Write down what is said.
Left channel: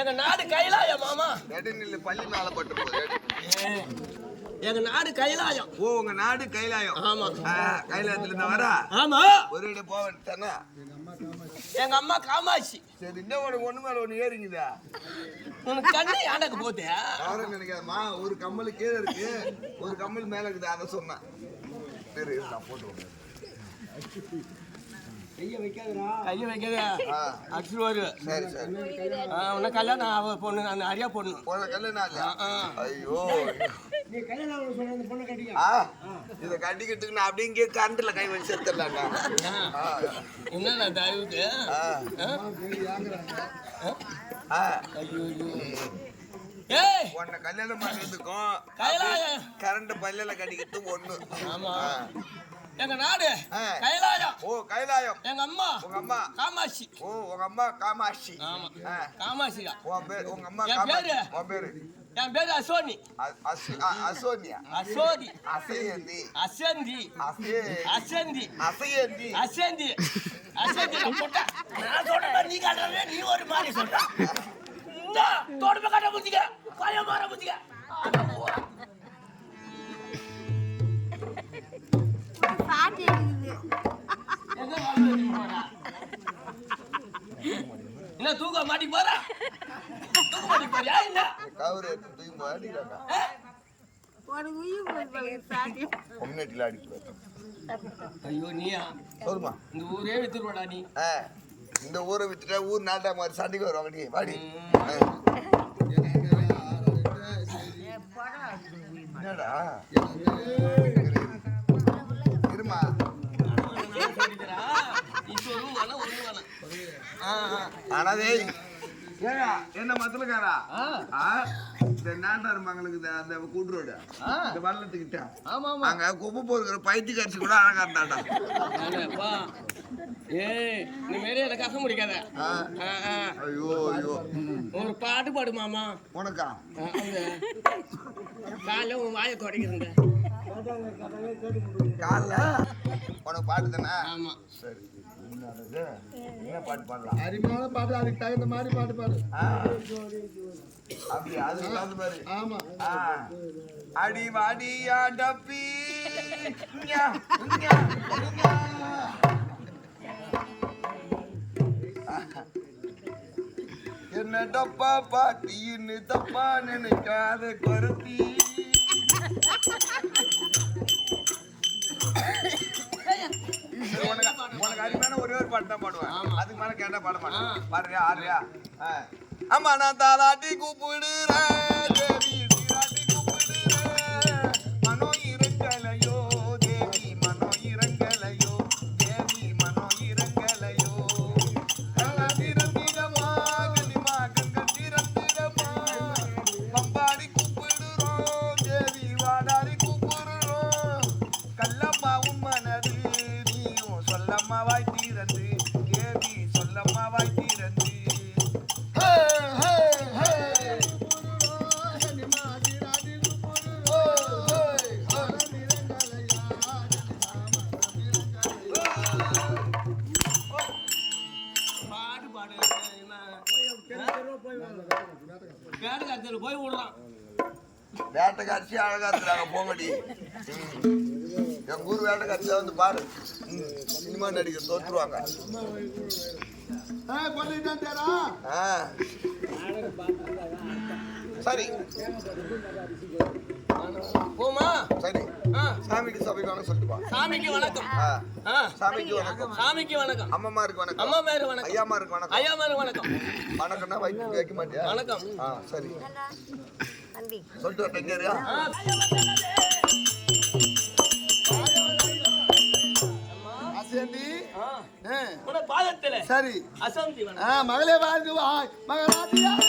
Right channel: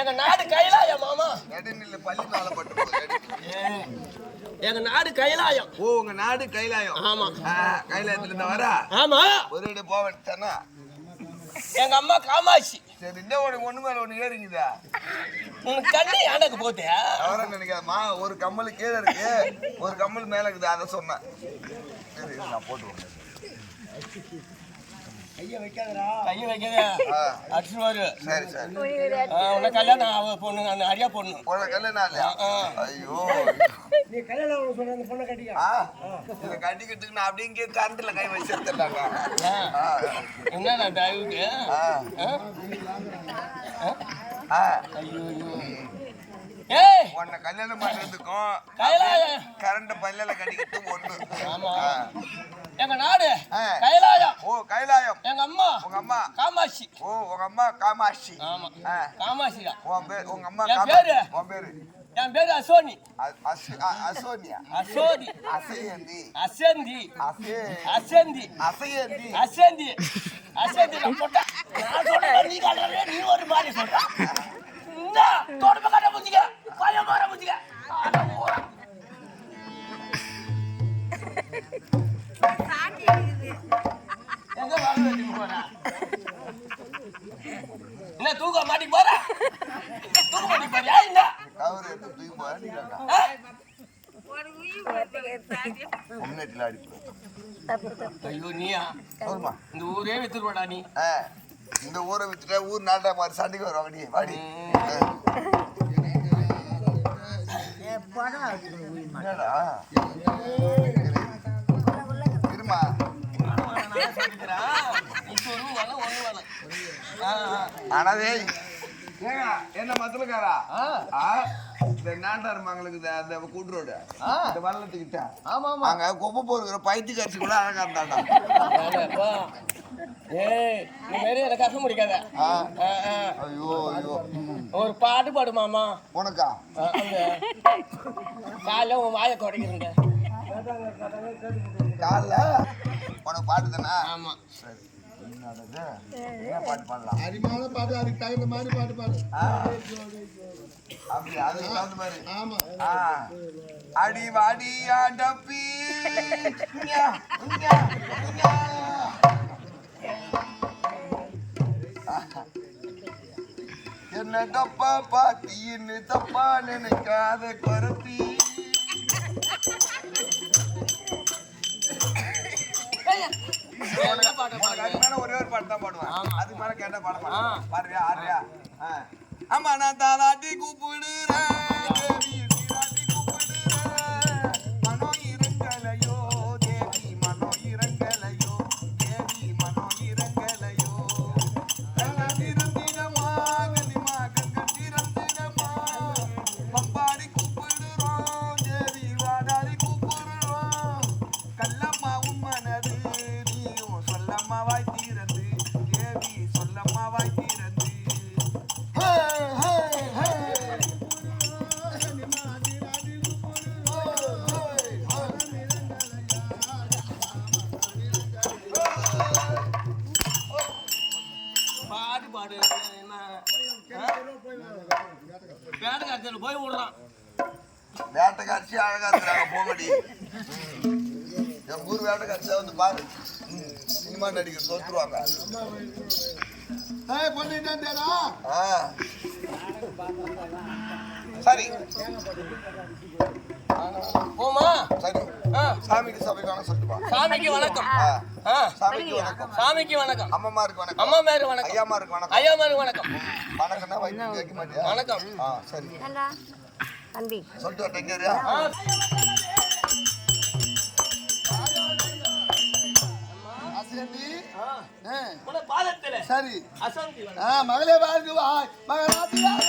எங்க நாடு கைலாயம் மாமா. நடுநிலை பள்ளி மேல பட்டு போகுது. எங்க நாடு கைலாயம். ஓ உங்க நாடு கைலாயம். ஆமா. கைலாயத்துல இருந்து வரா. ஆமா. ஒரு இடம் போவேன்ட்டானா. எங்க அம்மா காமாட்சி. சரி இந்த உனக்கு ஒண்ணு மேல ஒண்ணு ஏறிங்குதா. உனக்கு தண்ணி எனக்கு போட்டியா? அவரை நினைக்காதமா, ஒரு கம்மல் கீழே இருக்கு, ஒரு கம்மல் மேல இருக்குது, அதை சொன்னேன். சரி நான் போட்டு கைய வைக்காதடா. கைய வைக்காதே. அடிச்சுவாரு. சரி சரி. உன்ன கல்யாணம் பொண்ணு அரியா பொண்ணு. உன்ன கல்யாணம் இல்லையா? ஐயோ. நீ கல்யாணம் சொன்ன அந்த பொண்ணை கட்டிக்க. இத கட்டிக்கிட்டுக்கு நான் அப்படியே இங்கே கரண்ட்ல கை வச்சு எடுத்துடலாம்டா. என்னடா தயவுக்கு? ஐயோ. ஏய் உன்னை கல்யாணம் பண்றதுக்கும் கரண்ட் பல்லில கட்டிக்கிட்டு ஒண்ணு. ஆமா. எங்க நாடு கைலாயம். ஓ கைலாயம். எங்க அம்மா உங்க அம்மா காமாட்சி. ஓ உங்க அம்மா காமாட்சி. ஆமா காமாட்சிடா. உங்க அம்மா காமாட்சி. உன் பேரு? என் பேரு அசோனி. அசோனியா. அசோனி. அசேந்தி. அசேந்தி. அசேந்தி. அசேந்தி. அசேந்தி. அசேந்தி போட்டா நான் சொல்றேன் நீ காட்டுற நீ ஒரு மாதிரி சொல்ற. இந்த தோடுப காட்ட புடிங்க. பய மாற புடிங்க. அட ஓரா. சாட்டி இருக்குது. எங்க வாங்க போறா? என்ன தூக்க மாட்டி போறா? தூக்க மாட்டி போறியா இந்த? கவர் எடுத்து தூக்கி போறீங்களா? ஒரு உயி போறல சாட்டி. ஒம்னேட்ல அடி போறோம். ஐயோ நீயா? சொல்லுமா. இந்த ஊரே வித்துறடா நீ. இந்த ஊரை வித்துட்டா ஊர் நாட்டா மாதிரி சண்டைக்கு வருவாங்க நீ. வாடி. என்னடா? இருமா. ஆனாதே என்ன மத்தலக்காரா இந்த நாட்டார் மங்களுக்கு அந்த கூட்டுரோடு இந்த வள்ளத்துக்கிட்ட அங்க கொப்பை போடுற பைத்தி கரிசி கூட அழகா இருந்தாடா. ஏய் நீ மேலே எனக்கு அசை முடிக்காத. ஐயோ ஐயோ ஒரு பாட்டு பாடு மாமா. உனக்கா? காலைல உன் வாயை தொடக்கிறங்க. காலைல உனக்கு பாட்டு தானே? ஆமா. சரி என்ன பாட்டு பாடலாம்? அரிமான பாட்டு, அதுக்கு தகுந்த மாதிரி பாட்டு பாடு. அப்படி அதுக்கு தகுந்த மாதிரி. ஆமா. அடி வாடியா டப்பி என்ன டப்பா பாட்டின்னு தப்பா நினைக்காத குறத்தி. உனக்கு அருமையான ஒரே ஒரு பாட்டு தான் பாடுவேன். அதுக்கு மேல கேட்டா பாட மாட்டேன். பாடுறியா? ஆடுறியா? ஆமா நான் தாலாட்டி கூப்பிடுறேன் தேவி, சீராட்டி கூப்பிடுறேன். மனோ இறங்கலையோ தேவி, மனோ இறங்கலையோ தேவி, மனோ இறங்கலையோ. கலந்திரந்திடமா கலிமா கங்கத்திரந்திடமா. பம்பாடி கூப்பிடுறோம் தேவி, வாடாடி கூப்பிடுறோம். கல்லம்மா உன் மனது நீயும் சொல்லம்மா வாய் தீரந்து தேவி, சொல்லம்மா வாய் தீரந்து. பாடு பாடு வேட்டைக்காரத்தில் போய் விடுறான். வேட்டைக்காட்சி அழகா இருக்கிறாங்க போங்கடி. என் ஊர் வேட்டைக்காட்சியை வந்து பாரு. சினிமா நடிகர் தோற்றுருவாங்க. சரி போமா. சரி சாமிக்கு சபைக்கு வணக்கம் சொல்லிட்டு பா. சாமிக்கு வணக்கம். சாமிக்கு வணக்கம். சாமிக்கு வணக்கம். அம்மாமாருக்கு வணக்கம். அம்மாமாருக்கு வணக்கம். ஐயாமாருக்கு வணக்கம். ஐயாமாருக்கு வணக்கம். வணக்கம்னா வைத்து கேட்க மாட்டியா? வணக்கம். சரி தம்பி சொல்லிட்டு டெங்கரியா அசந்தி உன பாதத்துல சரி அசந்தி வணக்கம். மகளே வாழ்ந்து மகளாதியாக